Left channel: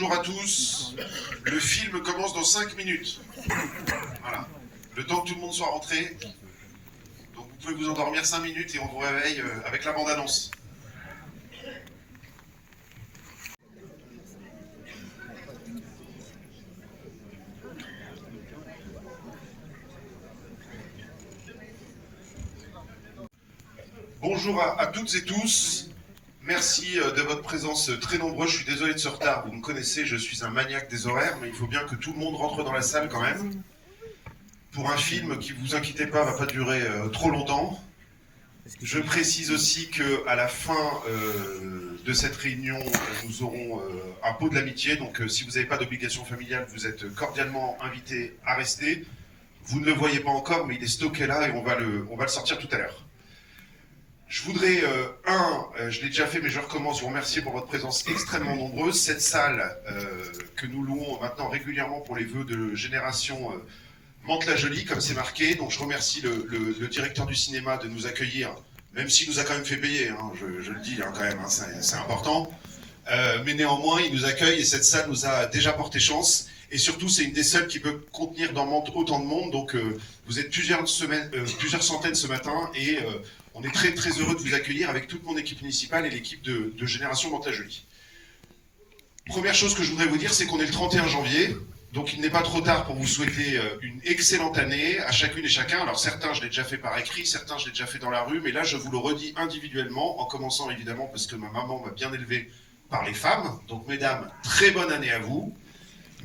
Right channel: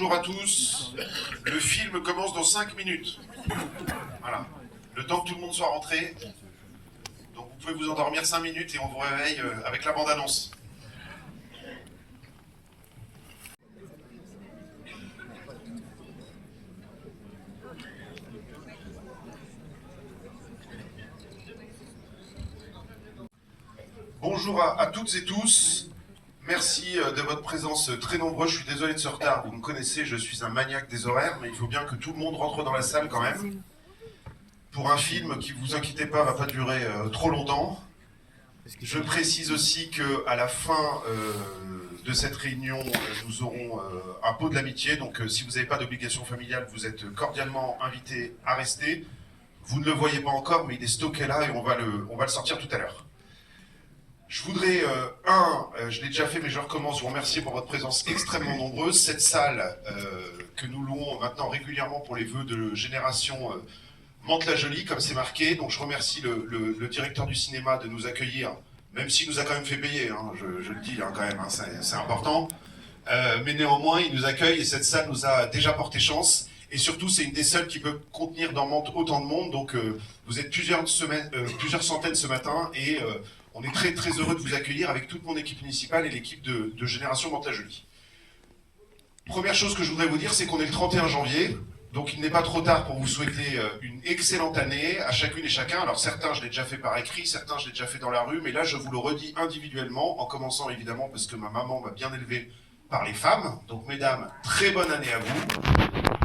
Bonjour à tous. Le film commence dans 5 minutes. Voilà. Le temps que tout le monde soit rentré. Donc vous pouvez vous endormir 5 minutes et on vous réveille avec la bande-annonce. Bonjour à toutes et tous. Merci de votre présence très nombreuse. Je suis désolé de ce retard. Vous me connaissez, je suis un maniaque des horaires, mais il faut bien que tout le monde rentre dans la salle quand même. Pour un film qui, vous inquiétez pas, va pas durer trop longtemps. Je précise aussi qu'à la fin de cette réunion, nous aurons un pot de l'amitié. Donc si vous n'avez pas d'obligation familiale, vous êtes cordialement invités à rester. Vous ne le voyez pas encore, mais il est stocké là et on va le sortir tout à l'heure. Je voudrais, je l'ai déjà fait, mais je recommence, vous remercier pour votre présence extrêmement nombreuse. Cette salle que nous louons maintenant régulièrement pour les vœux de génération Mantes-la-Jolie, comme c'est marqué. Donc je remercie le directeur du cinéma de nous accueillir, même s'il nous a quand même fait payer, hein, je le dis hein, quand même, hein, c'est important. Mais néanmoins, il nous accueille et cette salle nous a déjà porté chance. Et surtout, c'est une des seules qui peut contenir dans Mantes autant de monde. Donc vous êtes plusieurs centaines ce matin et on est très très heureux de vous accueillir avec toute mon équipe municipale et l'équipe de Génération Mantes-la-Jolie. Première chose que je voudrais vous dire, c'est qu'on est le 31 janvier, donc il n'est pas trop tard pour vous souhaiter une excellente année à chacune et chacun. Alors certains, je l'ai déjà fait par écrit, certains, je l'ai déjà fait dans la rue, mais là, je vous le redis individuellement, en commençant évidemment parce que ma maman m'a bien élevé par les femmes. Donc mesdames, très bonne année à vous.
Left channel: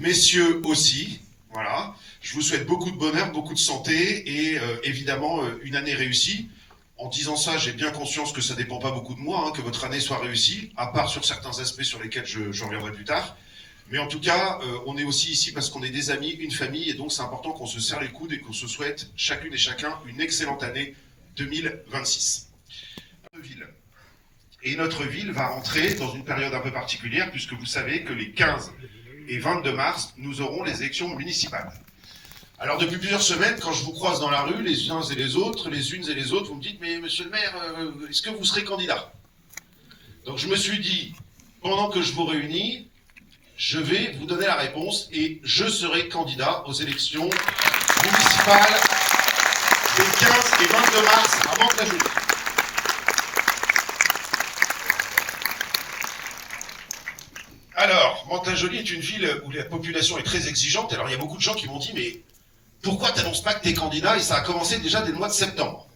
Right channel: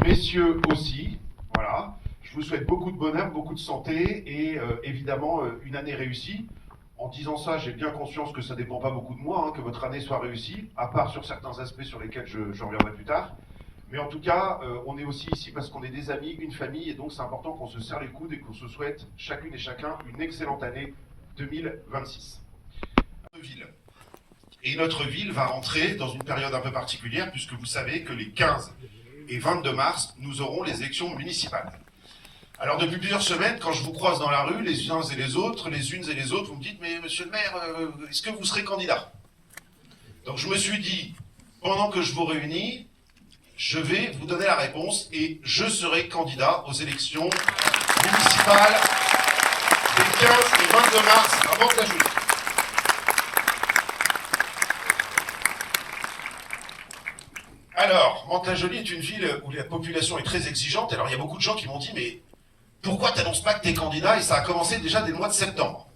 Messieurs aussi, voilà. Je vous souhaite beaucoup de bonheur, beaucoup de santé et évidemment une année réussie. En disant ça, j'ai bien conscience que ça ne dépend pas beaucoup de moi, hein, que votre année soit réussie, à part sur certains aspects sur lesquels j'en reviendrai plus tard. Mais en tout cas, on est aussi ici parce qu'on est des amis, une famille, et donc c'est important qu'on se serre les coudes et qu'on se souhaite chacune et chacun une excellente année 2026. Et notre ville va rentrer dans une période un peu particulière, puisque vous savez que les 15 et 22 mars, nous aurons les élections municipales. Alors depuis plusieurs semaines, quand je vous croise dans la rue, les uns et les autres, les unes et les autres, vous me dites « Mais monsieur le maire, est-ce que vous serez candidat ?» Donc je me suis dit, pendant que je vous réunis, je vais vous donner la réponse et je serai candidat aux élections municipales des 15 et 22 mars à Mantes-la-Jolie. Alors, Mantes-la-Jolie est une ville où la population est très exigeante. Alors il y a beaucoup de gens qui m'ont dit « Mais pourquoi tu n'annonces pas que tu es candidat ?» Et ça a commencé déjà dès le mois de septembre.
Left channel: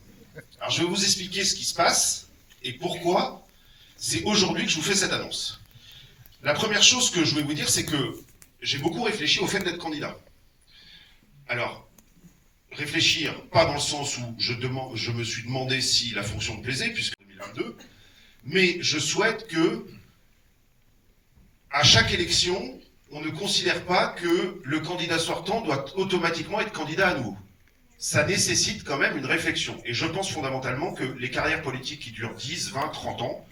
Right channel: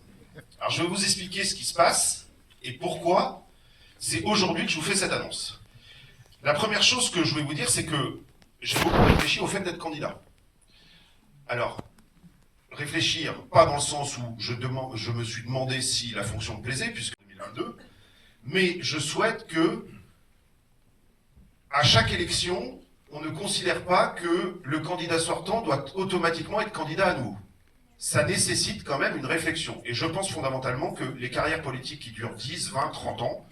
Alors je vais vous expliquer ce qui se passe et pourquoi c'est aujourd'hui que je vous fais cette annonce. La première chose que je voulais vous dire, c'est que j'ai beaucoup réfléchi au fait d'être candidat. Alors, réfléchir, pas dans le sens où je me suis demandé si la fonction me plaisait, puisque 2022, mais je souhaite que, à chaque élection, on ne considère pas que le candidat sortant doit automatiquement être candidat à nouveau. Ça nécessite quand même une réflexion. Et je pense fondamentalement que les carrières politiques qui durent 10, 20, 30 ans,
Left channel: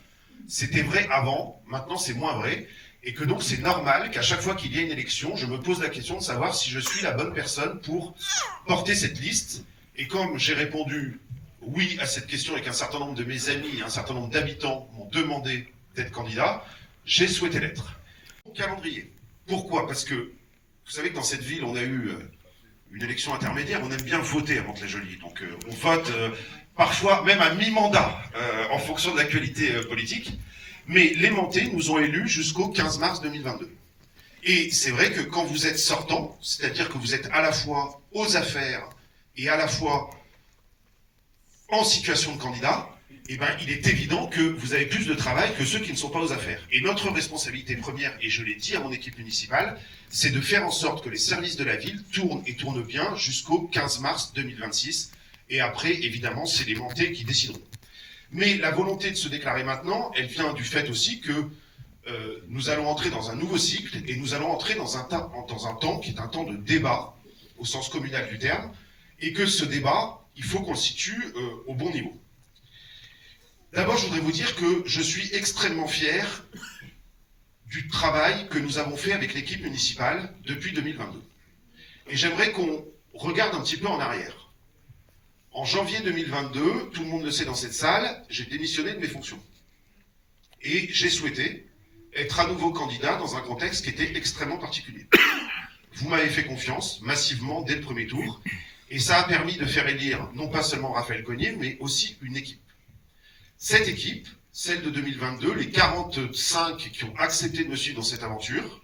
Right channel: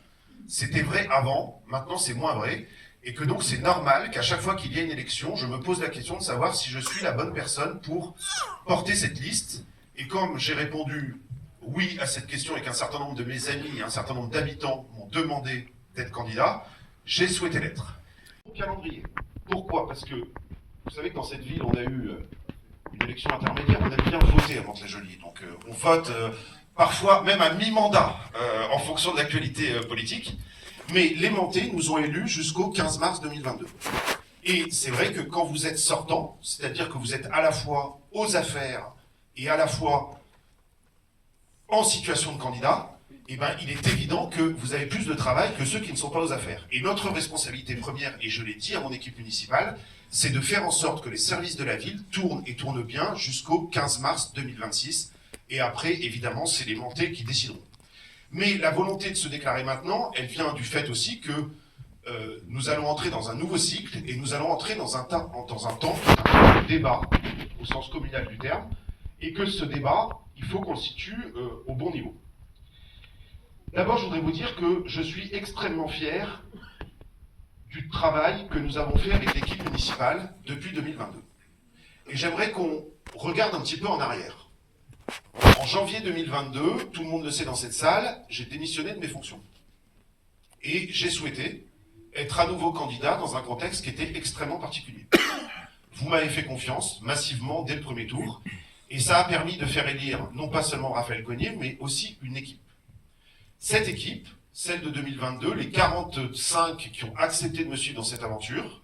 c'était vrai avant, maintenant c'est moins vrai, et que donc c'est normal qu'à chaque fois qu'il y a une élection, je me pose la question de savoir si je suis la bonne personne pour porter cette liste. Et comme j'ai répondu oui à cette question et qu'un certain nombre de mes amis et un certain nombre d'habitants m'ont demandé d'être candidat, j'ai souhaité l'être. Calendrier. Pourquoi? Parce que vous savez que dans cette ville, on a eu une élection intermédiaire, on aime bien voter à Mantes-la-Jolie. Donc on vote parfois même à mi-mandat en fonction de l'actualité politique. Mais les Mantais nous ont élus jusqu'au 15 mars 2022. Et c'est vrai que quand vous êtes sortant, c'est-à-dire que vous êtes à la fois aux affaires et à la fois en situation de candidat, eh ben, il est évident que vous avez plus de travail que ceux qui ne sont pas aux affaires. Et notre responsabilité première, et je l'ai dit à mon équipe municipale, c'est de faire en sorte que les services de la ville tournent et tournent bien jusqu'au 15 mars 2026. Et après, évidemment, c'est les Mantais qui décideront. Mais la volonté de se déclarer maintenant, elle vient du fait aussi que nous allons entrer dans un nouveau cycle et nous allons entrer dans un temps qui est un temps de débat, au sens communal du terme, et que ce débat, il faut qu'on le situe au bon niveau. D'abord, je voudrais vous dire que je suis extrêmement fier du travail que nous avons fait avec l'équipe municipale depuis 2022. Et j'aimerais qu'on regarde un petit peu en arrière. En janvier 2022, tout le monde le sait dans cette salle, j'ai démissionné de mes fonctions. Et j'ai souhaité être à nouveau candidat dans un contexte qui était extrêmement particulier. Vous m'avez fait confiance, massivement, dès le premier tour, et ça a permis de faire élire non pas seulement Raphaël Cognier, mais aussi une équipe. Cette équipe, celle de 2022, les 45 qui ont accepté de me suivre dans cette aventure,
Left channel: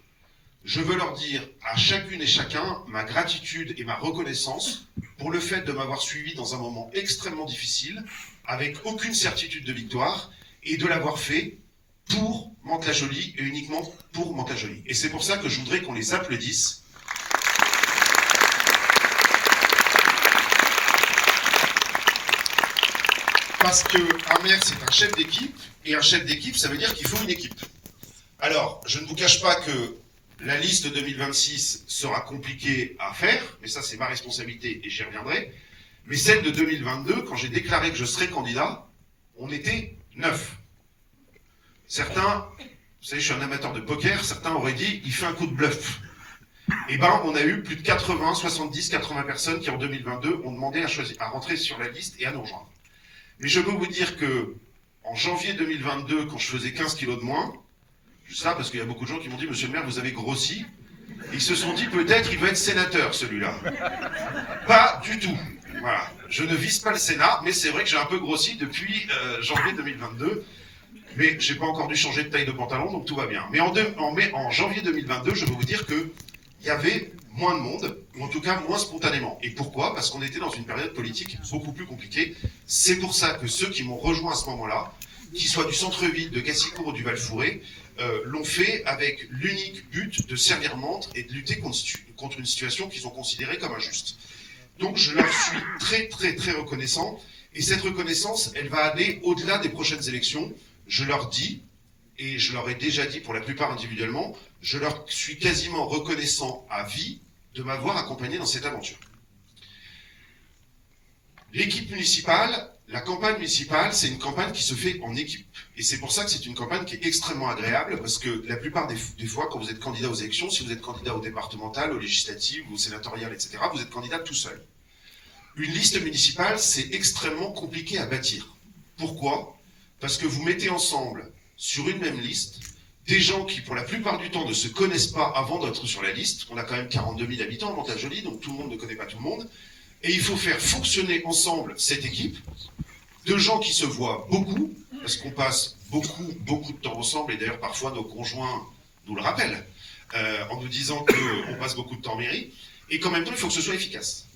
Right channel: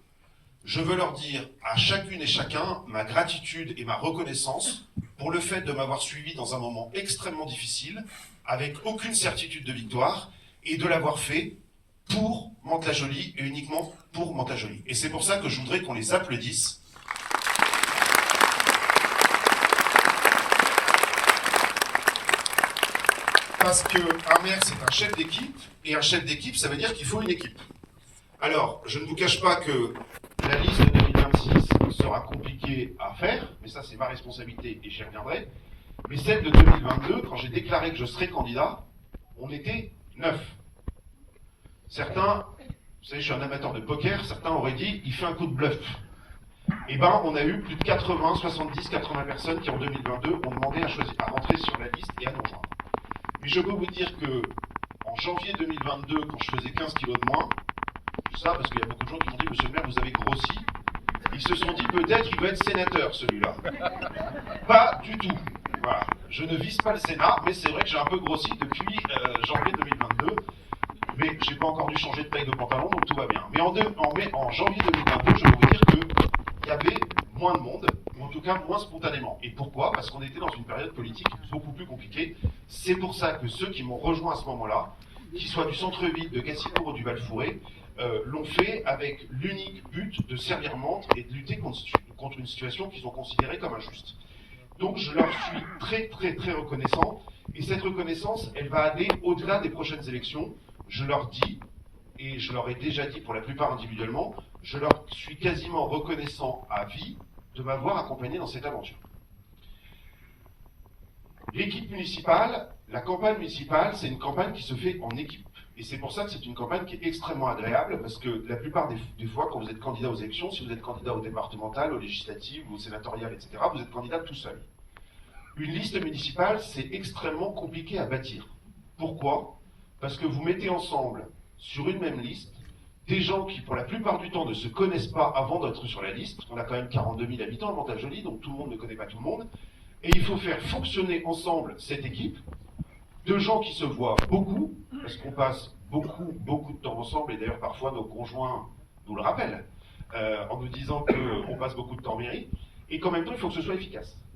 je veux leur dire à chacune et chacun ma gratitude et ma reconnaissance pour le fait de m'avoir suivi dans un moment extrêmement difficile, avec aucune certitude de victoire, et de l'avoir fait pour Mantes-la-Jolie et uniquement pour Mantes-la-Jolie. Et c'est pour ça que je voudrais qu'on les applaudisse. Parce qu'un maire, c'est un chef d'équipe, et un chef d'équipe, ça veut dire qu'il faut une équipe. Alors, je ne vous cache pas que la liste de 2026 sera compliquée à faire, mais ça c'est ma responsabilité et j'y reviendrai. Mais celle de 2022, quand j'ai déclaré que je serais candidat, on était 9. Certains, vous savez, je suis un amateur de poker, certains auraient dit, il fait un coup de bluff. Eh ben, on a eu plus de 80, 70, 80 personnes qui en 2022 ont demandé à rentrer sur la liste et à nous rejoindre. Mais je peux vous dire que en janvier 2022, quand je faisais 15 kilos de moins, ça parce qu'il y a beaucoup de gens qui m'ont dit, monsieur le maire, vous avez grossi. Ils se sont dit, peut-être il va être sénateur, celui-là. Pas du tout. Voilà. Je ne vise pas le Sénat, mais c'est vrai que j'ai un peu grossi depuis janvier 2022. Mais j'ai pas encore dû changer de taille de pantalon, donc tout va bien. Mais en janvier 2022, je peux vous dire qu'il y avait moins de monde, ou en tout cas moins spontanément. Et pourquoi? Parce qu'on était dans une période politique beaucoup plus compliquée. C'est pour ça que ceux qui m'ont rejoint à ce moment-là, qu'ils soient du centre-ville, de Gassicourt ou du Val-Fouré, l'ont fait avec l'unique but de servir Mantes et de lutter contre une situation qu'ils ont considérée comme injuste. Donc je leur suis très très très reconnaissant, et cette reconnaissance, elle va aller au-delà des prochaines élections. Je leur dis, et je leur ai déjà dit pour la plupart individuellement, je leur suis quasiment reconnaissant à vie de m'avoir accompagné dans cette aventure. L'équipe municipale, la campagne municipale, c'est une campagne qui se fait en équipe. Et c'est pour ça que c'est une campagne qui est extrêmement agréable, parce que la plupart des fois, quand vous êtes candidat aux élections, si vous êtes candidat au départemental, aux législatives, aux sénatoriales, etc., vous êtes candidat tout seul. Une liste municipale, c'est extrêmement compliqué à bâtir. Pourquoi? Parce que vous mettez ensemble, sur une même liste, des gens qui, pour la plupart du temps, ne se connaissent pas avant d'être sur la liste. On a quand même 42 000 habitants à Mantes-la-Jolie, donc tout le monde ne connaît pas tout le monde. Et il faut faire fonctionner ensemble cette équipe de gens qui se voient beaucoup, parce qu'on passe beaucoup de temps ensemble, et d'ailleurs parfois nos conjoints nous le rappellent, en nous disant qu'on passe beaucoup de temps en mairie, et qu'en même temps il faut que ce soit efficace.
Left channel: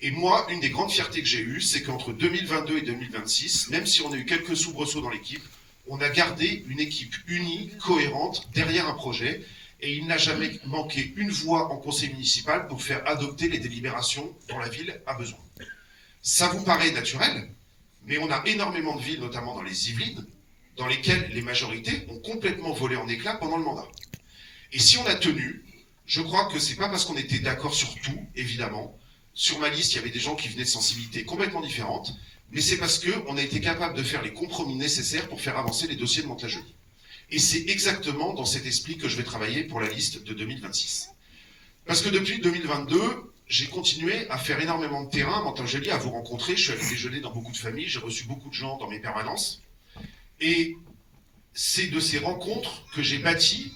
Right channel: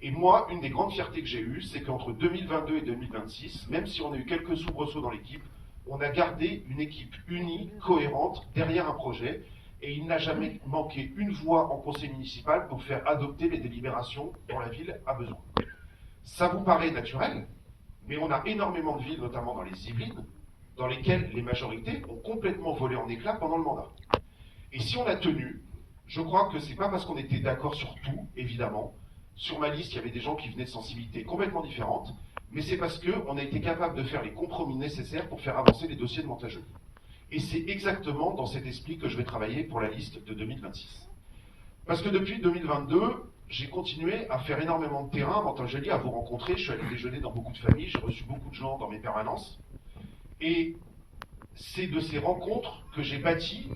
Et moi, une des grandes fiertés que j'ai eues, c'est qu'entre 2022 et 2026, même si on a eu quelques soubresauts dans l'équipe, on a gardé une équipe unie, cohérente, derrière un projet, et il n'a jamais manqué une voix en conseil municipal pour faire adopter les délibérations dont la ville a besoin. Ça vous paraît naturel, mais on a énormément de villes, notamment dans les Yvelines, dans lesquelles les majorités ont complètement volé en éclats pendant le mandat. Et si on a tenu, je crois que c'est pas parce qu'on était d'accord sur tout, évidemment. Sur ma liste, il y avait des gens qui venaient de sensibilités complètement différentes, mais c'est parce qu'on a été capable de faire les compromis nécessaires pour faire avancer les dossiers de Mantes-la-Jolie. Et c'est exactement dans cet esprit que je vais travailler pour la liste de 2026. Parce que depuis 2022, j'ai continué à faire énormément de terrain à Mantes-la-Jolie, à vous rencontrer. Je suis allé déjeuner dans beaucoup de familles, j'ai reçu beaucoup de gens dans mes permanences. Et c'est de ces rencontres que j'ai bâti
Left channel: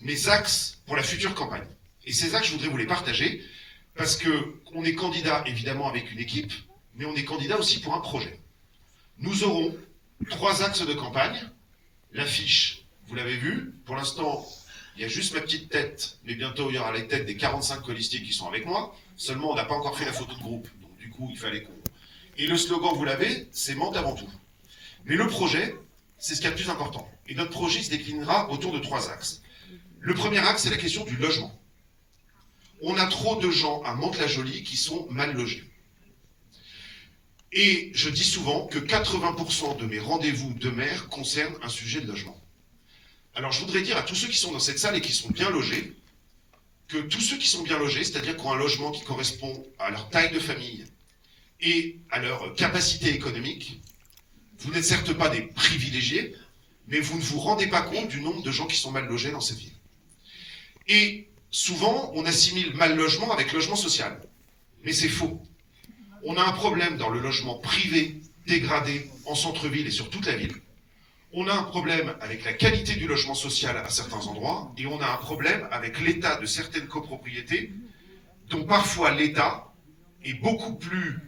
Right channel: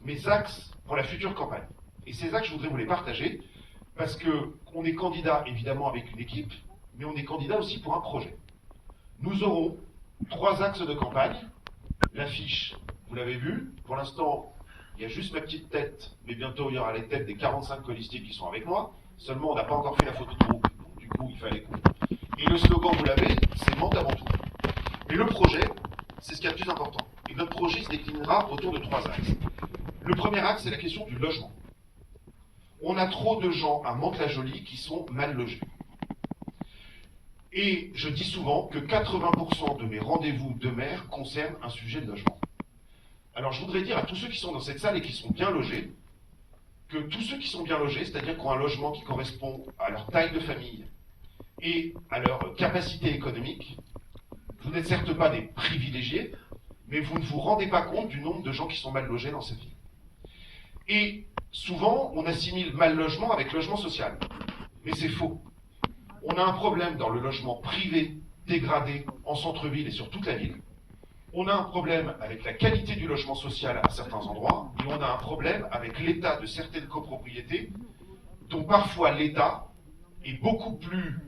mes axes pour la future campagne. Et ces axes, je voudrais vous les partager, parce qu'on est candidat évidemment avec une équipe, mais on est candidat aussi pour un projet. Nous aurons 3 axes de campagne. L'affiche, vous l'avez vu, pour l'instant, il y a juste ma petite tête, mais bientôt il y aura les têtes des 45 colistiers qui sont avec moi. Seulement, on n'a pas encore fait la photo de groupe, donc du coup, il fallait qu'on... Et le slogan, vous l'avez, c'est Mantes avant tout. Mais le projet, c'est ce qui est le plus important. Et notre projet se déclinera autour de 3 axes. Le premier axe, c'est la question du logement. On a trop de gens à Mantes-la-Jolie qui sont mal logés. Et je dis souvent que 80% de mes rendez-vous de maire concernent un sujet de logement. Alors je voudrais dire à tous ceux qui sont dans cette salle et qui sont bien logés, que tous ceux qui sont bien logés, c'est-à-dire qui ont un logement qui correspond à leur taille de famille et à leur capacité économique, vous n'êtes certes pas des privilégiés, mais vous ne vous rendez pas compte du nombre de gens qui sont mal logés dans cette ville. Et souvent, on assimile mal logement avec logement social. Mais c'est faux. On a un problème dans le logement privé, dégradé, en centre-ville et sur toute la ville. On a un problème avec la qualité du logement social à certains endroits, et on a un problème avec l'état de certaines copropriétés, dont parfois l'état est beaucoup plus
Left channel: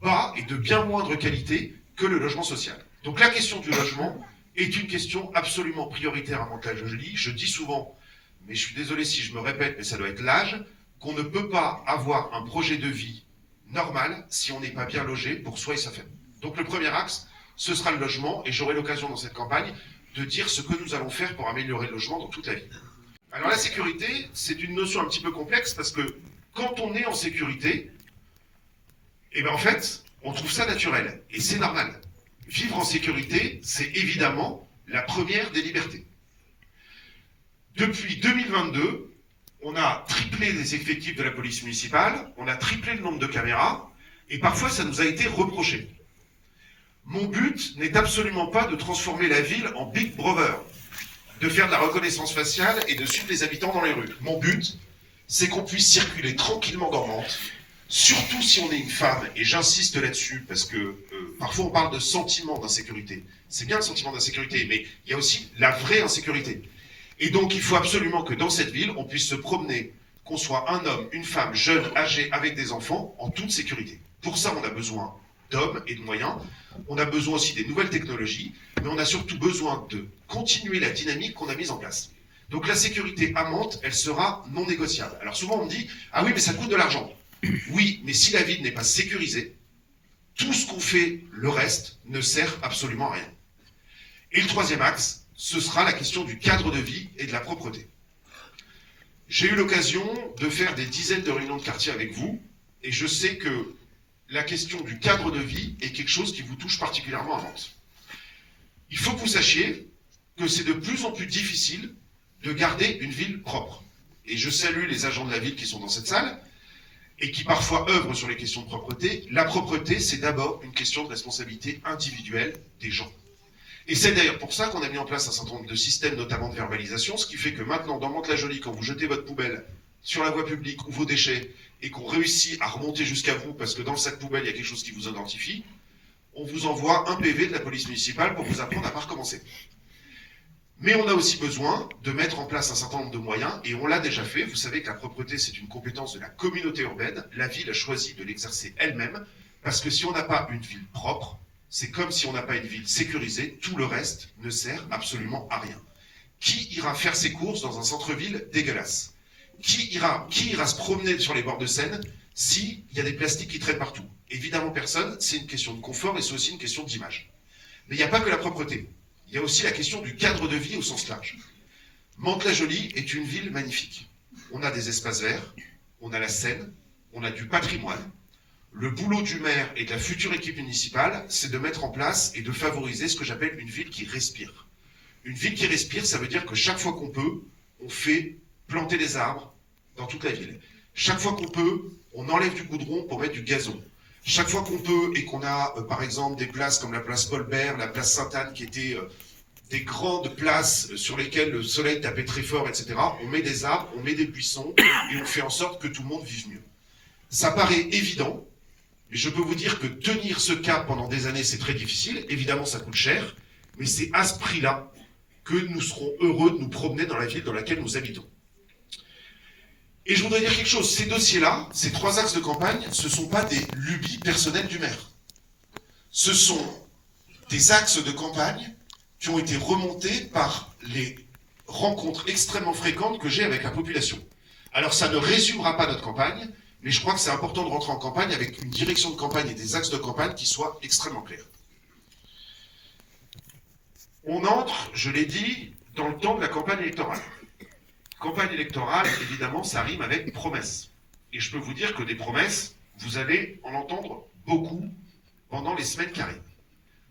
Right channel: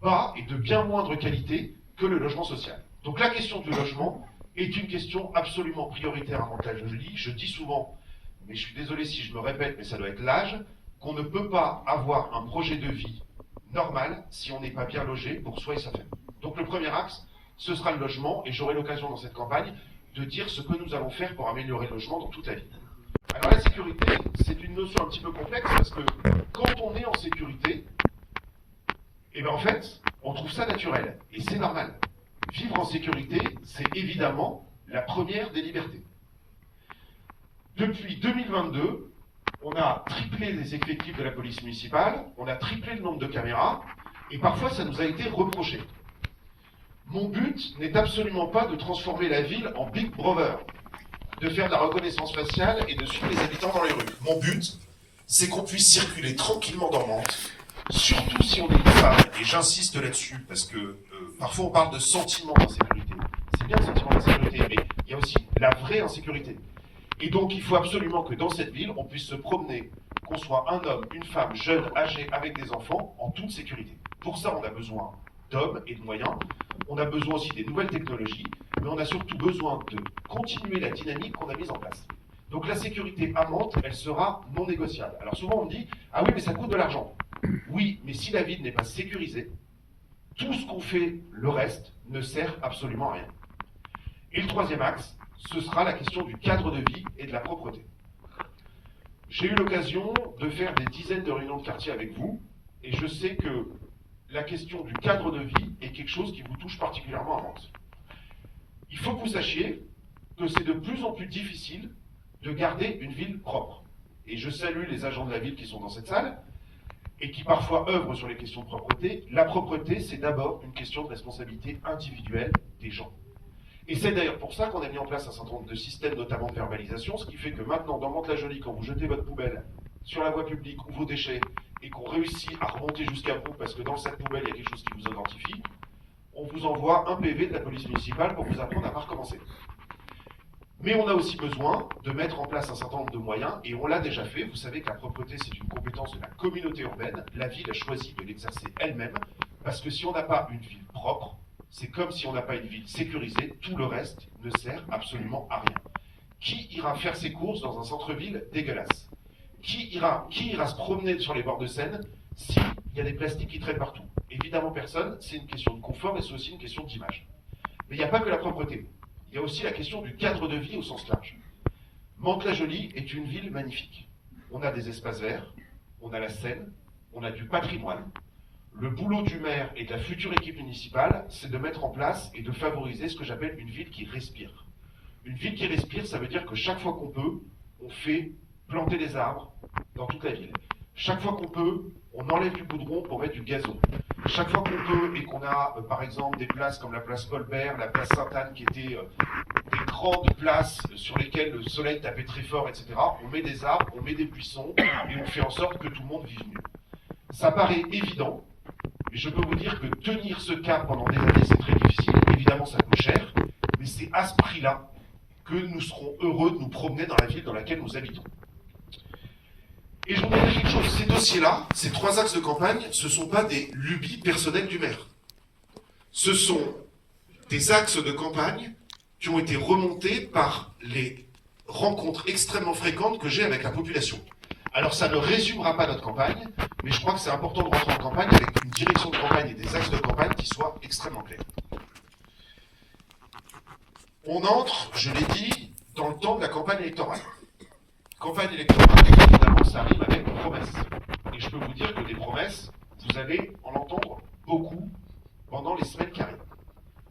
bas et de bien moindre qualité que le logement social. Donc la question du logement est une question absolument prioritaire à Mantes-la-Jolie. Je dis souvent, mais je suis désolé si je me répète, mais ça doit être l'âge, qu'on ne peut pas avoir un projet de vie normal si on n'est pas bien logé pour soi et sa famille. Donc le premier axe, ce sera le logement, et j'aurai l'occasion dans cette campagne de dire ce que nous allons faire pour améliorer le logement dans toute la ville. Alors la sécurité, c'est une notion un petit peu complexe parce que quand on est en sécurité, eh bien en fait, on trouve ça naturel, et c'est normal. Vivre en sécurité, c'est évidemment la première des libertés. Depuis 2022, on a triplé les effectifs de la police municipale, on a triplé le nombre de caméras, et parfois ça nous a été reproché. Mon but n'est absolument pas de transformer la ville en Big Brother, de faire de la reconnaissance faciale et de suivre les habitants dans les rues. Mon but, c'est qu'on puisse circuler tranquillement dans Mantes, surtout si on est une femme, et j'insiste là-dessus, parce que parfois on parle de sentiment d'insécurité. C'est bien le sentiment d'insécurité, mais il y a aussi la vraie insécurité. Et donc il faut absolument que dans cette ville, on puisse se promener, qu'on soit un homme, une femme, jeune, âgé, avec des enfants, en toute sécurité. Pour ça, on a besoin d'hommes et de moyens. On a besoin aussi des nouvelles technologies, mais on a surtout besoin de continuer la dynamique qu'on a mise en place. Donc la sécurité à Mantes, elle sera non négociable. Alors souvent on me dit, ah oui, mais ça coûte de l'argent. Oui, mais si la ville n'est pas sécurisée, tout ce qu'on fait, le reste, ne sert absolument à rien. Et le troisième axe, ce sera la question du cadre de vie et de la propreté. J'ai eu l'occasion de faire des dizaines de réunions de quartier avec vous, et je sais que la question du cadre de vie est quelque chose qui vous touche particulièrement à Mantes. Il faut que vous sachiez que c'est de plus en plus difficile de garder une ville propre. Et je salue les agents de la ville qui sont dans cette salle et qui parfois œuvrent sur les questions de propreté. La propreté, c'est d'abord une question de responsabilité individuelle des gens. Et c'est d'ailleurs pour ça qu'on a mis en place un certain nombre de systèmes, notamment de verbalisation, ce qui fait que maintenant, dans Mantes-la-Jolie, quand vous jetez votre poubelle sur la voie publique ou vos déchets, et qu'on réussit à remonter jusqu'à vous, parce que dans cette poubelle, il y a quelque chose qui vous identifie, on vous envoie un PV de la police municipale pour vous apprendre à ne pas recommencer. Mais on a aussi besoin de mettre en place un certain nombre de moyens, et on l'a déjà fait. Vous savez que la propreté, c'est une compétence de la communauté urbaine. La ville a choisi de l'exercer elle-même, parce que si on n'a pas une ville propre, c'est comme si on n'a pas une ville sécurisée, tout le reste ne sert absolument à rien. Qui ira faire ses courses dans un centre-ville dégueulasse ? Qui ira se promener sur les bords de Seine s'il y a des plastiques qui traînent partout? Évidemment personne, c'est une question de confort et c'est aussi une question d'image. Mais il n'y a pas que la propreté, il y a aussi la question du cadre de vie au sens large. Mantes-la-Jolie est une ville magnifique. On a des espaces verts, on a la Seine, on a du patrimoine. Le boulot du maire et de la future équipe municipale, c'est de mettre en place et de favoriser ce que j'appelle une ville qui respire. Une ville qui respire, ça veut dire que chaque fois qu'on peut, on fait planter des arbres dans toute la ville. Chaque fois qu'on peut, on enlève du goudron pour mettre du gazon. Chaque fois qu'on peut et qu'on a, par exemple, des places comme la place Paul-Bert, la place Sainte-Anne, qui étaient des grandes places sur lesquelles le soleil tapait très fort, etc., on met des arbres, on met des buissons et on fait en sorte que tout le monde vive mieux. Ça paraît évident, mais je peux vous dire que tenir ce cap pendant des années, c'est très difficile. Évidemment, ça coûte cher, mais c'est à ce prix-là que nous serons heureux de nous promener dans la ville dans laquelle nous habitons. Et je voudrais dire quelque chose, ces dossiers-là, ces trois axes de campagne, ce ne sont pas des lubies personnelles du maire. Ce sont des axes de campagne qui ont été remontés par les rencontres extrêmement fréquentes que j'ai avec la population. Alors ça ne résumera pas notre campagne, mais je crois que c'est important de rentrer en campagne avec une direction de campagne et des axes de campagne qui soient extrêmement clairs. On entre, je l'ai dit, dans le temps de la campagne électorale. Campagne électorale, évidemment, ça rime avec promesses. Et je peux vous dire que des promesses, vous allez en entendre beaucoup pendant les semaines qui arrivent.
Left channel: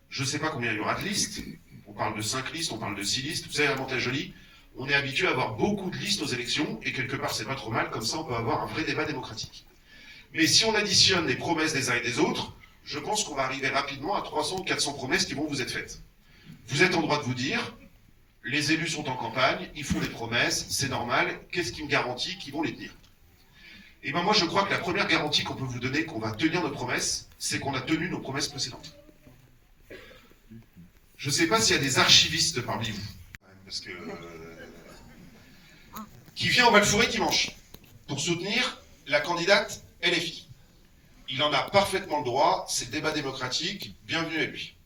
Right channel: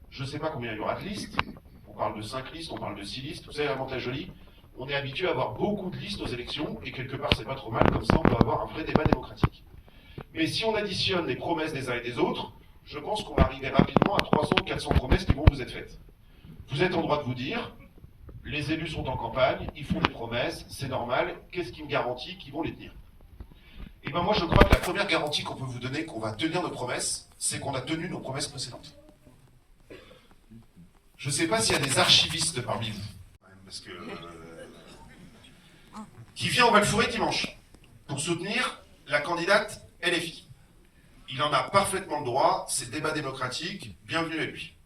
Je ne sais pas combien il y aura de listes. On parle de 5 listes, on parle de 6 listes. Vous savez, à Mantes-la-Jolie, on est habitué à avoir beaucoup de listes aux élections, et quelque part, c'est pas trop mal, comme ça, on peut avoir un vrai débat démocratique. Mais si on additionne les promesses des uns et des autres, je pense qu'on va arriver rapidement à 300 ou 400 promesses qui vont vous être faites. Vous êtes en droit de vous dire, les élus sont en campagne, ils font des promesses, c'est normal, qu'est-ce qui me garantit qu'ils vont les tenir? Et bien moi je crois que la première garantie qu'on peut vous donner qu'on va tenir nos promesses, c'est qu'on a tenu nos promesses précédentes. Je ne sais pas s'il y a des archivistes parmi vous, parce que, qui vient au Val-Fouré dimanche pour soutenir la candidate LFI. Il en a parfaitement le droit, c'est le débat démocratique, bienvenue à lui.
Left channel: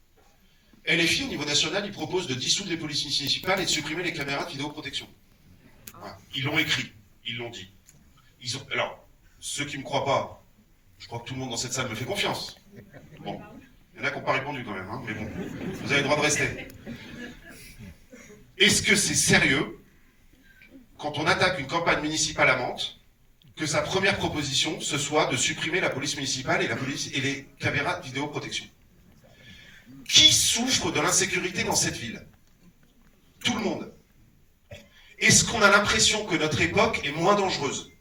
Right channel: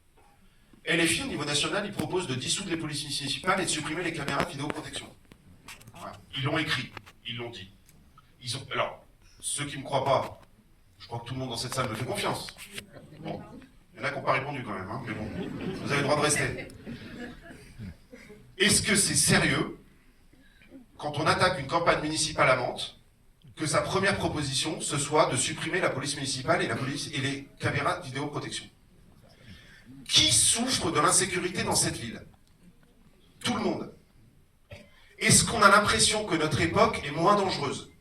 LFI, au niveau national, il propose de dissoudre les polices municipales et de supprimer les caméras de vidéoprotection. Voilà. Ils l'ont écrit, ils l'ont dit. Alors, ceux qui ne me croient pas, je crois que tout le monde dans cette salle me fait confiance. Bon, il y en a qui n'ont pas répondu quand même, hein, mais bon, vous avez le droit de rester. Est-ce que c'est sérieux, quand on attaque une campagne municipale à Mantes, que sa première proposition, ce soit de supprimer la police municipale et les caméras de vidéoprotection? Qui souffre de l'insécurité dans cette ville? Tout le monde. Est-ce qu'on a l'impression que notre époque est moins dangereuse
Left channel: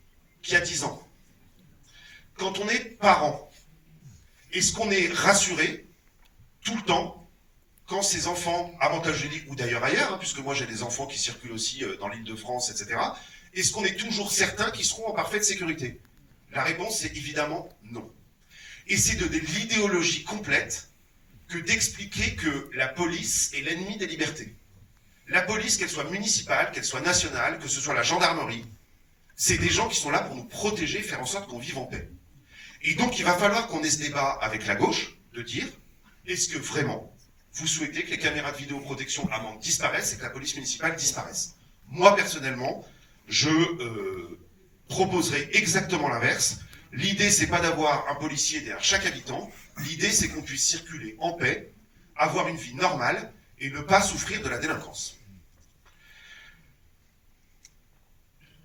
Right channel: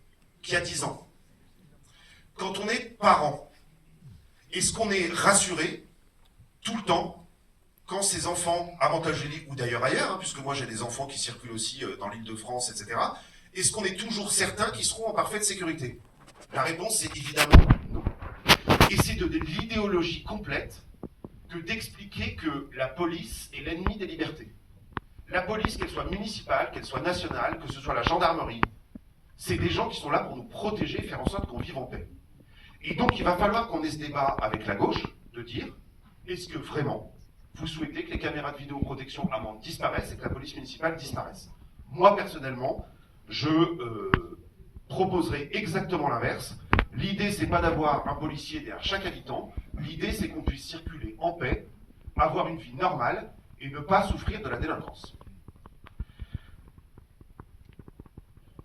qu'il y a 10 ans? Quand on est parent, est-ce qu'on est rassuré tout le temps quand ces enfants, à Mantes-la-Jolie ou d'ailleurs ailleurs, hein, puisque moi j'ai des enfants qui circulent aussi dans l'Île-de-France, etc., est-ce qu'on est toujours certain qu'ils seront en parfaite sécurité? La réponse est évidemment non. Et c'est de l'idéologie complète que d'expliquer que la police est l'ennemi des libertés. La police, qu'elle soit municipale, qu'elle soit nationale, que ce soit la gendarmerie, c'est des gens qui sont là pour nous protéger, faire en sorte qu'on vive en paix. Et donc il va falloir qu'on ait ce débat avec la gauche, de dire, est-ce que vraiment vous souhaitez que les caméras de vidéoprotection à Mantes disparaissent et que la police municipale disparaisse? Moi personnellement, je proposerai exactement l'inverse. L'idée, c'est pas d'avoir un policier derrière chaque habitant. L'idée, c'est qu'on puisse circuler en paix, avoir une vie normale et ne pas souffrir de la délinquance.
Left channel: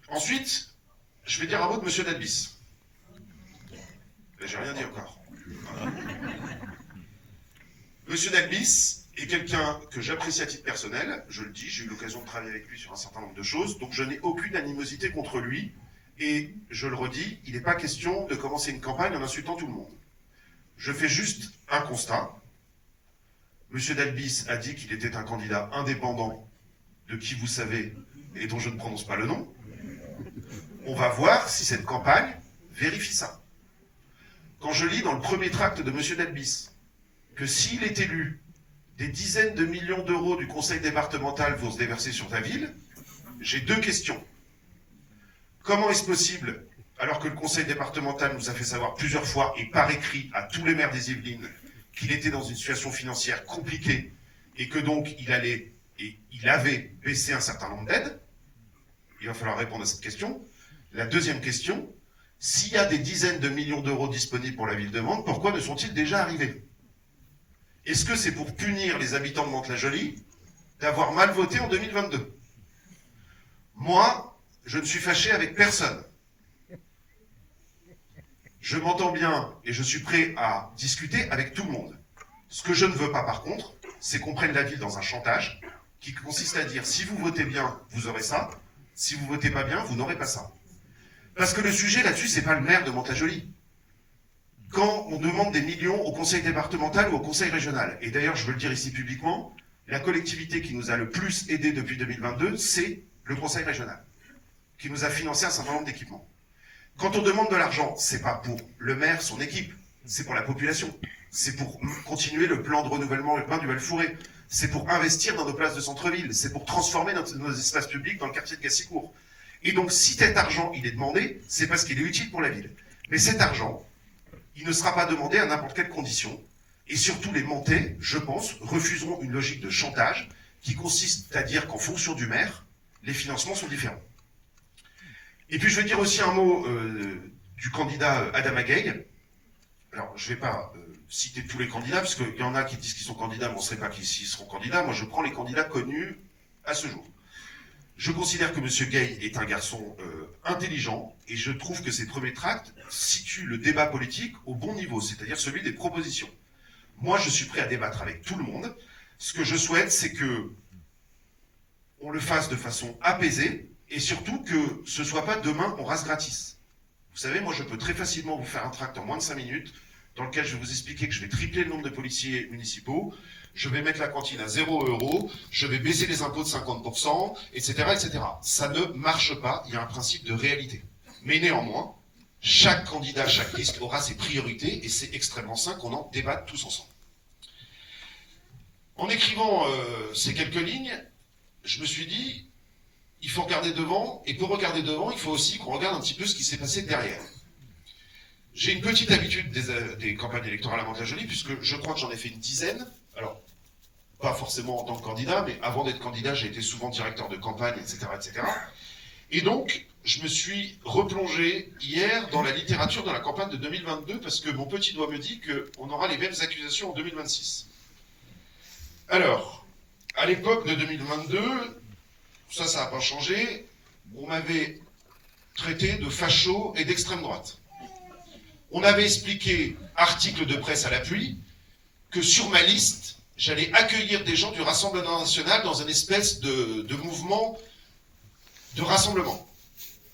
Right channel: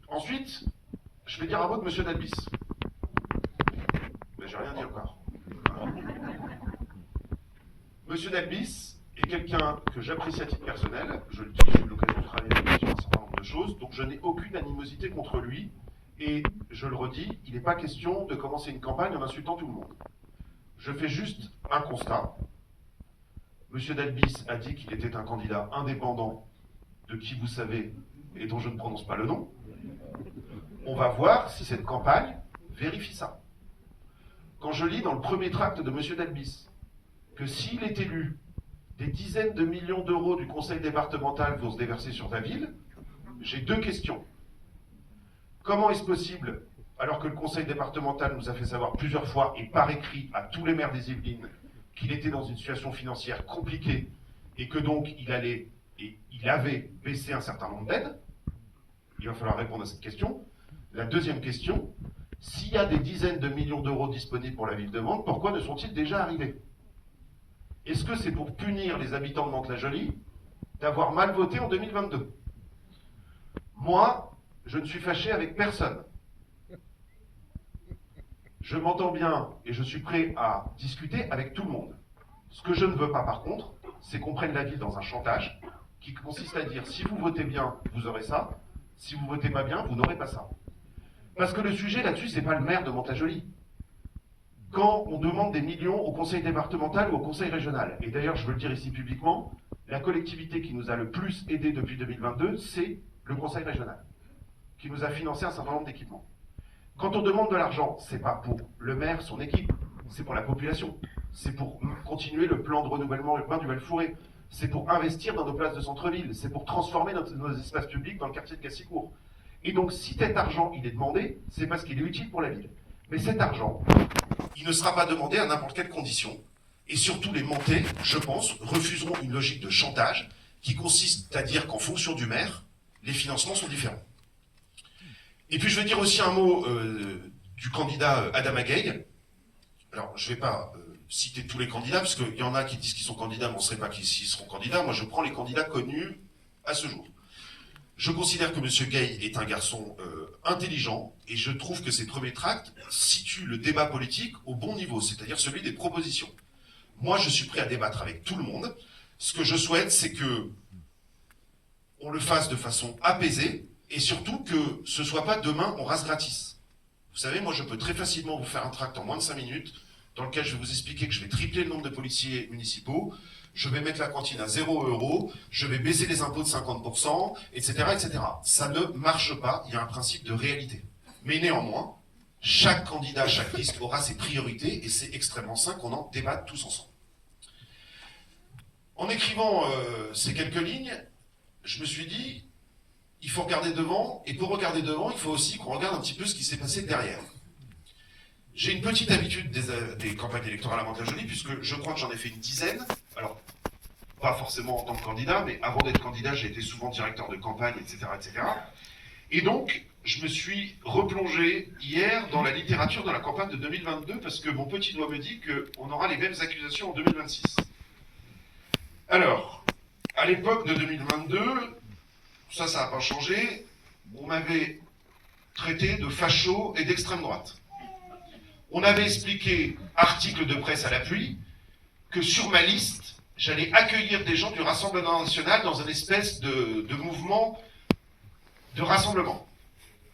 Ensuite, je vais dire un mot de M. Delbis. J'ai rien dit encore. M. Delbis est quelqu'un que j'apprécie à titre personnel. Je le dis, j'ai eu l'occasion de travailler avec lui sur un certain nombre de choses, donc je n'ai aucune animosité contre lui. Et je le redis, il n'est pas question de commencer une campagne en insultant tout le monde. Je fais juste un constat. M. Delbis a dit qu'il était un candidat indépendant de qui vous savez et dont je ne prononce pas le nom. On va voir si cette campagne vérifie ça. Quand je lis dans le premier tract de M. Delbis que s'il est élu, des dizaines de millions d'euros du conseil départemental vont se déverser sur ta ville, j'ai deux questions. Comment est-ce possible, alors que le conseil départemental nous a fait savoir plusieurs fois et par écrit à tous les maires des Yvelines qu'il était dans une situation financière compliquée et que donc il avait baissé un certain nombre d'aides? Il va falloir répondre à cette question. La deuxième question, s'il y a des dizaines de millions d'euros disponibles pour la ville de Mantes, pourquoi ne sont-ils déjà arrivés? Est-ce que c'est pour punir les habitants de Mantes-la-Jolie d'avoir mal voté en 2022? Moi, je ne suis fâché avec personne. Je m'entends bien et je suis prêt à discuter avec tout le monde. Ce que je ne veux pas, par contre, c'est qu'on prenne la ville dans un chantage qui consiste à dire si vous votez bien, vous aurez ça, si vous votez pas bien, vous n'aurez pas ça. Parce que le sujet là-dessus, c'est pas le maire de Mantes-la-Jolie. Quand on demande des millions au conseil départemental ou au conseil régional, et d'ailleurs je veux le dire ici publiquement, la collectivité qui nous a le plus aidé depuis 2022, c'est le conseil régional, qui nous a financé un certain nombre d'équipements. Quand on demande de l'argent, c'est pas pour le maire, son équipe, c'est pour la population. C'est pour continuer le plan de renouvellement urbain du Val-Fouré. C'est pour investir dans nos places de centre-ville. C'est pour transformer nos espaces publics dans le quartier de Gassicourt. Et donc, si cet argent, il est demandé, c'est parce qu'il est utile pour la ville. Mais cet argent, il ne sera pas demandé à n'importe quelle condition. Et surtout, les Mantais, je pense, refuseront une logique de chantage qui consiste à dire qu'en fonction du maire, les financements sont différents. Et puis je vais dire aussi un mot du candidat Adama Gueye. Alors je ne vais pas citer tous les candidats, parce qu'il y en a qui disent qu'ils sont candidats, mais on ne sait pas s'ils seront candidats. Moi je prends les candidats connus à ce jour. Je considère que M. Gueye est un garçon intelligent, et je trouve que ses premiers tracts situent le débat politique au bon niveau, c'est-à-dire celui des propositions. Moi je suis prêt à débattre avec tout le monde. Ce que je souhaite, c'est que on le fasse de façon apaisée, et surtout que ce ne soit pas demain on rase gratis. Vous savez, moi je peux très facilement vous faire un tract en moins de 5 minutes, dans lequel je vais vous expliquer que je vais tripler le nombre de policiers municipaux, je vais mettre la cantine à 0 €, je vais baisser les impôts de 50%, etc., etc. Ça ne marche pas, il y a un principe de réalité. Mais néanmoins, chaque candidat, chaque liste aura ses priorités, et c'est extrêmement sain qu'on en débatte tous ensemble. En écrivant ces quelques lignes, je me suis dit, il faut regarder devant, et pour regarder devant, il faut aussi qu'on regarde un petit peu ce qui s'est passé derrière. J'ai une petite habitude des campagnes électorales à Mantes-la-Jolie, puisque je crois que j'en ai fait une dizaine. Alors, pas forcément en tant que candidat, mais avant d'être candidat, j'ai été souvent directeur de campagne, etc., etc. Et donc, je me suis replongé hier dans la littérature de la campagne de 2022, parce que mon petit doigt me dit qu'on aura les mêmes accusations en 2026. Alors, à l'époque de 2022, ça n'a pas changé, on m'avait traité de facho et d'extrême droite. On avait expliqué, article de presse à l'appui, que sur ma liste, j'allais accueillir des gens du Rassemblement national dans une espèce de mouvement de rassemblement.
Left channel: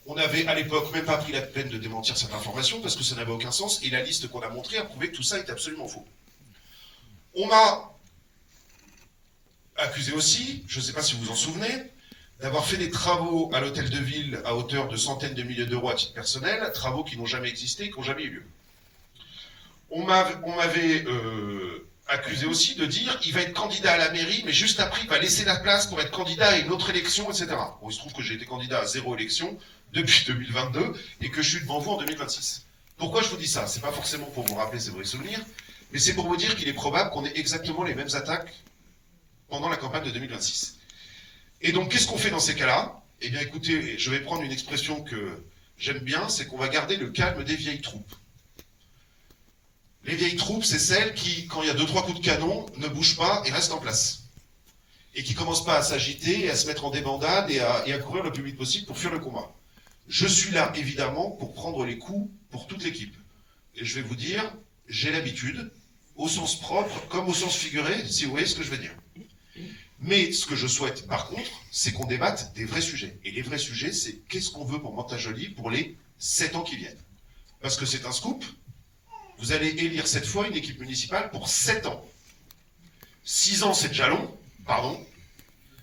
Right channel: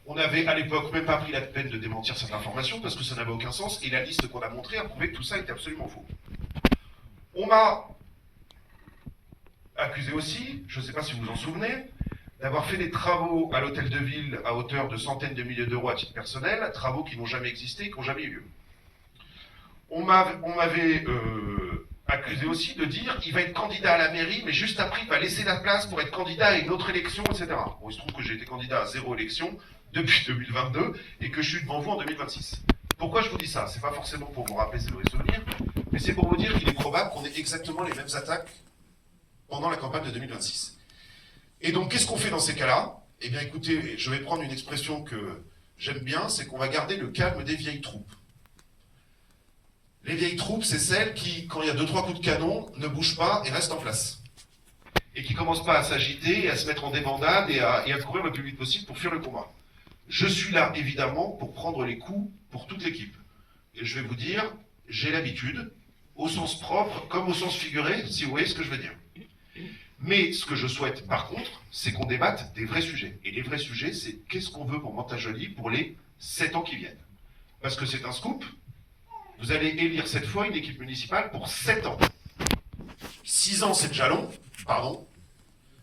On n'avait à l'époque même pas pris la peine de démentir cette information parce que ça n'avait aucun sens et la liste qu'on a montrée a prouvé que tout ça était absolument faux. On m'a accusé aussi, je ne sais pas si vous vous en souvenez, d'avoir fait des travaux à l'hôtel de ville à hauteur de centaines de milliers d'euros à titre personnel, travaux qui n'ont jamais existé et qui n'ont jamais eu lieu. On m'avait accusé aussi de dire il va être candidat à la mairie, mais juste après il va laisser la place pour être candidat à une autre élection, etc. Bon, il se trouve que j'ai été candidat à 0 élection depuis 2022 et que je suis devant vous en 2026. Pourquoi je vous dis ça? C'est pas forcément pour vous rappeler ces mauvais souvenirs, mais c'est pour vous dire qu'il est probable qu'on ait exactement les mêmes attaques pendant la campagne de 2026. Et donc, qu'est-ce qu'on fait dans ces cas-là? Eh bien, écoutez, je vais prendre une expression que j'aime bien, c'est qu'on va garder le calme des vieilles troupes. Les vieilles troupes, c'est celles qui, quand il y a 2-3 coups de canon, ne bougent pas et restent en place. Et qui ne commencent pas à s'agiter, à se mettre en débandade et à courir le plus vite possible pour fuir le combat. Je suis là, évidemment, pour prendre les coups pour toute l'équipe. Et je vais vous dire, j'ai l'habitude, au sens propre comme au sens figuré, si vous voyez ce que je veux dire. Mais ce que je souhaite, par contre, c'est qu'on débatte des vrais sujets. Et les vrais sujets, c'est qu'est-ce qu'on veut pour Mantes-la-Jolie pour les 7 ans qui viennent. Parce que c'est un scoop, vous allez élire cette fois une équipe municipale pour 7 ans. 6 ans, c'est déjà long, pardon.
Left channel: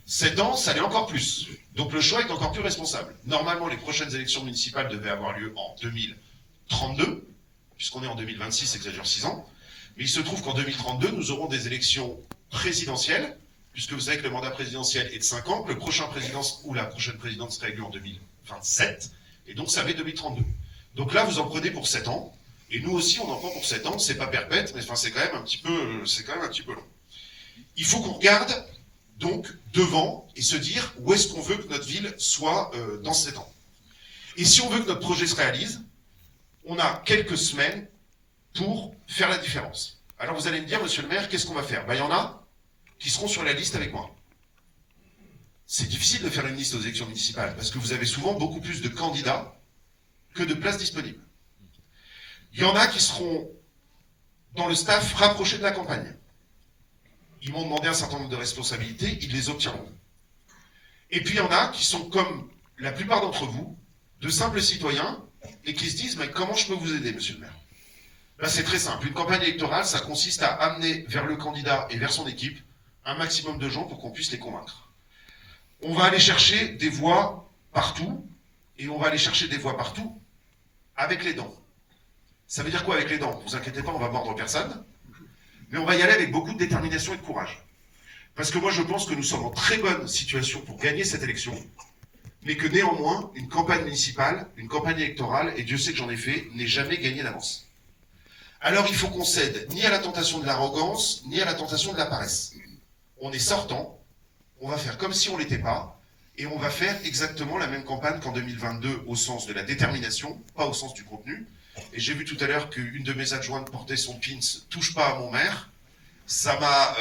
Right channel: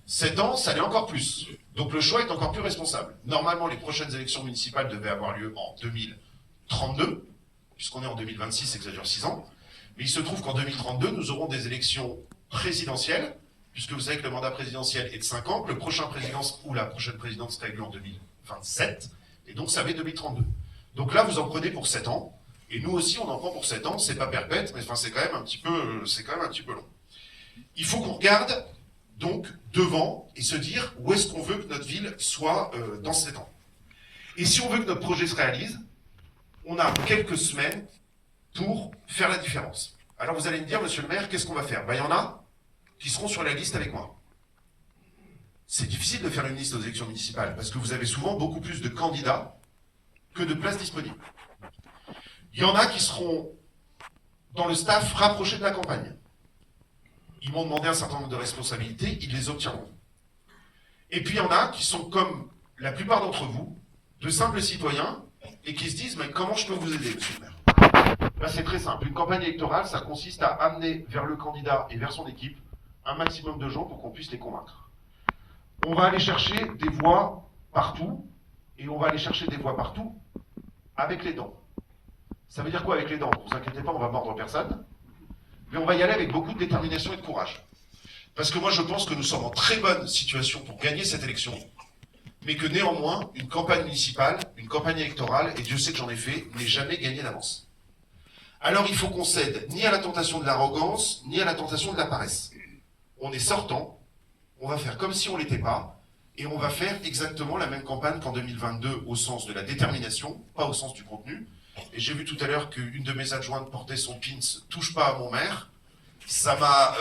7 ans, ça l'est encore plus. Donc le choix est encore plus responsable. Normalement, les prochaines élections municipales devaient avoir lieu en 2032, puisqu'on est en 2026, c'est que ça dure 6 ans. Mais il se trouve qu'en 2032, nous aurons des élections présidentielles, puisque vous savez que le mandat présidentiel est de 5 ans, que le prochain président ou la prochaine présidente sera élue en 2027, et donc ça fait 2032. Donc là, vous en prenez pour 7 ans, et nous aussi, on en prend pour 7 ans, c'est pas perpète, mais enfin, c'est quand même un petit peu long. Il faut qu'on regarde, donc, devant, et se dire où est-ce qu'on veut que notre ville soit dans 7 ans. Et si on veut que notre projet se réalise, on a quelques semaines pour faire la différence. Alors vous allez me dire, monsieur le maire, qu'est-ce qu'on va faire? Ben, il y en a qui seront sur la liste avec moi. C'est difficile de faire une liste aux élections municipales, parce que vous avez souvent beaucoup plus de candidats que de places disponibles. Il y en a qui seront dans le staff rapproché de la campagne. Ils m'ont demandé un certain nombre de responsabilités, ils les obtiendront. Et puis il y en a qui sont comme la plupart d'entre vous, de simples citoyens, et qui se disent, mais comment je peux vous aider, monsieur le maire? Là, c'est très simple. Une campagne électorale, ça consiste à amener vers le candidat et vers son équipe un maximum de gens pour qu'on puisse les convaincre. On va aller chercher des voix partout, et on va aller chercher des voix partout avec les dents. Ça veut dire quoi avec les dents? Ne vous inquiétez pas, on va mordre personne, mais on va y aller avec beaucoup de détermination et de courage. Parce que moi, je pense que nous sommes en très bonne situation pour gagner cette élection, mais que néanmoins, une campagne municipale, une campagne électorale, et Dieu sait que j'en ai fait, n'est jamais gagnée d'avance. Alors il faut qu'on cède ni à la tentation de l'arrogance, ni à la tentation de la paresse. On est sortant, on va faire comme si on ne l'était pas, et on va faire exactement la même campagne qu'en 2022 au sens de la détermination, pas au sens du contenu. Et j'ai vu tout à l'heure qu'une de mes adjointes portait son pins « Touche pas à mon maire ». Ça m'a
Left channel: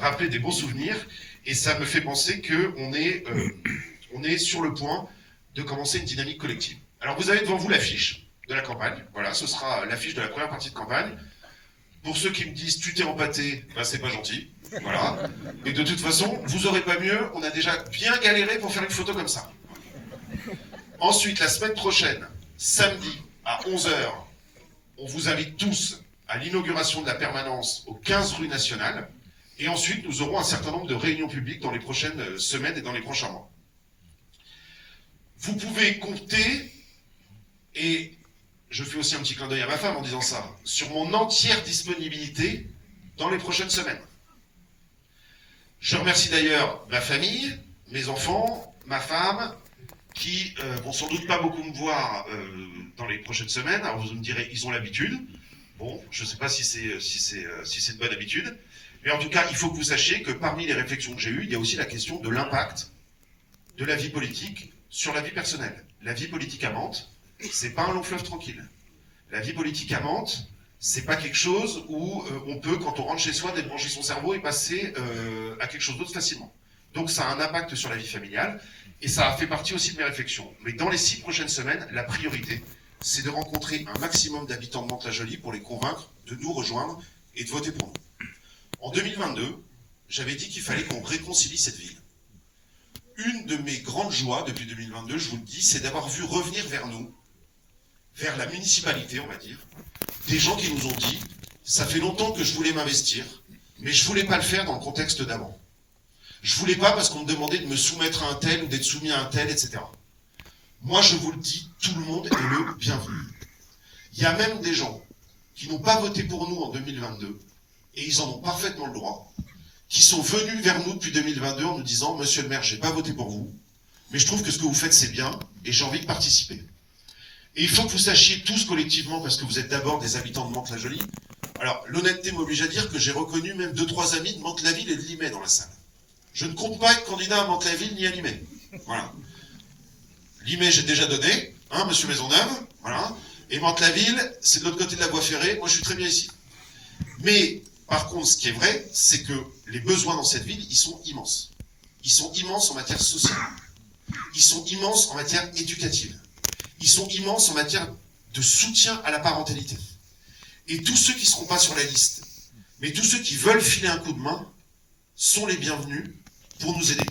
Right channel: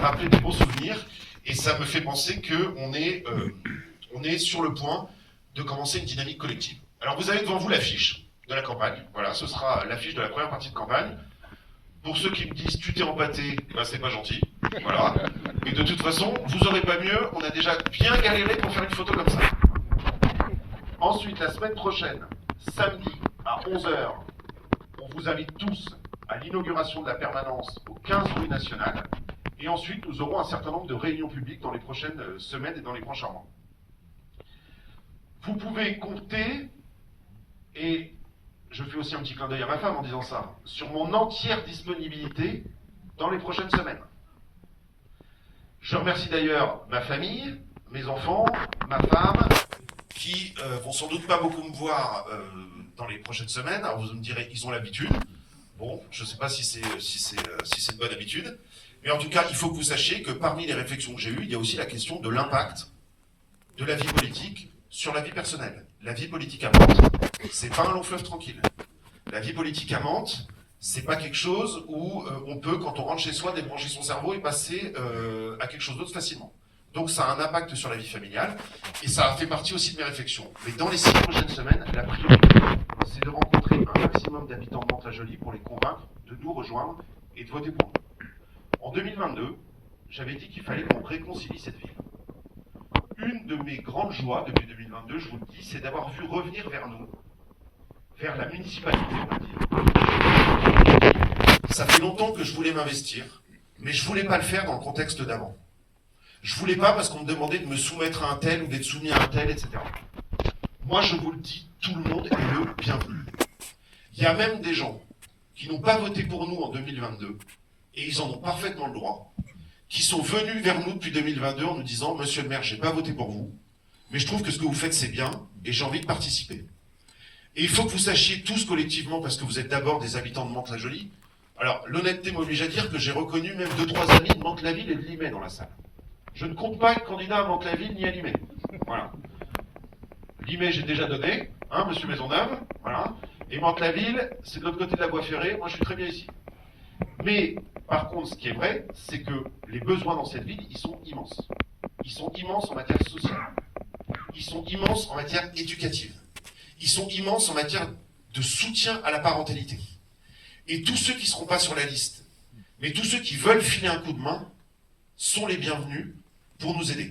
rappelé des beaux souvenirs, et ça me fait penser qu'on est sur le point de commencer une dynamique collective. Alors vous avez devant vous l'affiche de la campagne, voilà, ce sera l'affiche de la première partie de campagne. Pour ceux qui me disent tu t'es empâté, ben c'est pas gentil, voilà. Et de toute façon, vous aurez pas mieux, on a déjà bien galéré pour faire une photo comme ça. Ensuite, la semaine prochaine, samedi à 11 h, on vous invite tous à l'inauguration de la permanence aux 15 rues nationales. Et ensuite, nous aurons un certain nombre de réunions publiques dans les prochaines semaines et dans les prochains mois. Vous pouvez compter, et je fais aussi un petit clin d'œil à ma femme en disant ça, sur mon entière disponibilité dans les prochaines semaines. Je remercie d'ailleurs ma famille, mes enfants, ma femme, qui vont sans doute pas beaucoup me voir dans les prochaines semaines. Alors vous me direz, ils ont l'habitude. Bon, je ne sais pas si c'est une bonne habitude. Mais en tout cas, il faut que vous sachiez que parmi les réflexions que j'ai eues, il y a aussi la question de l'impact de la vie politique sur la vie personnelle. La vie politique à Mantes, c'est pas un long fleuve tranquille. La vie politique à Mantes, c'est pas quelque chose où on peut, quand on rentre chez soi, débrancher son cerveau et passer à quelque chose d'autre facilement. Donc ça a un impact sur la vie familiale, et ça a fait partie aussi de mes réflexions. Mais dans les 6 prochaines semaines, la priorité, c'est de rencontrer un maximum d'habitants de Mantes-la-Jolie pour les convaincre de nous rejoindre et de voter pour nous. En 2022, j'avais dit qu'il fallait qu'on réconcilie cette ville. Une de mes grandes joies depuis 2022, je vous le dis, c'est d'avoir vu revenir vers nous, vers la municipalité, on va dire, des gens qui nous ont dit « ça fait longtemps que je voulais m'investir, mais je ne voulais pas le faire dans le contexte d'avant. Je ne voulais pas parce qu'on me demandait de me soumettre à un tel ou d'être soumis à un tel, etc. » Moi, je vous le dis, tout le monde est le bienvenu. Il y a même des gens qui n'ont pas voté pour nous en 2022, et ils en ont parfaitement le droit, qui sont venus vers nous depuis 2022 en nous disant « Monsieur le maire, je n'ai pas voté pour vous, mais je trouve que ce que vous faites, c'est bien, et j'ai envie de participer. » Et il faut que vous sachiez tous collectivement, parce que vous êtes d'abord des habitants de Mantes-la-Jolie, alors l'honnêteté m'oblige à dire que j'ai reconnu même 2-3 amis de Mantes-la-Ville et de Limay dans la salle. Je ne compte pas être candidat à Mantes-la-Ville ni à Limay. Voilà. Limay, j'ai déjà donné, hein, monsieur Maisonneuve, voilà. Et Mantes-la-Ville, c'est de l'autre côté de la voie ferrée, moi je suis très bien ici. Mais, par contre, ce qui est vrai, c'est que les besoins dans cette ville, ils sont immenses. Ils sont immenses en matière sociale. Ils sont immenses en matière éducative. Ils sont immenses en matière de soutien à la parentalité. Et tous ceux qui ne seront pas sur la liste, mais tous ceux qui veulent filer un coup de main, sont les bienvenus pour nous aider.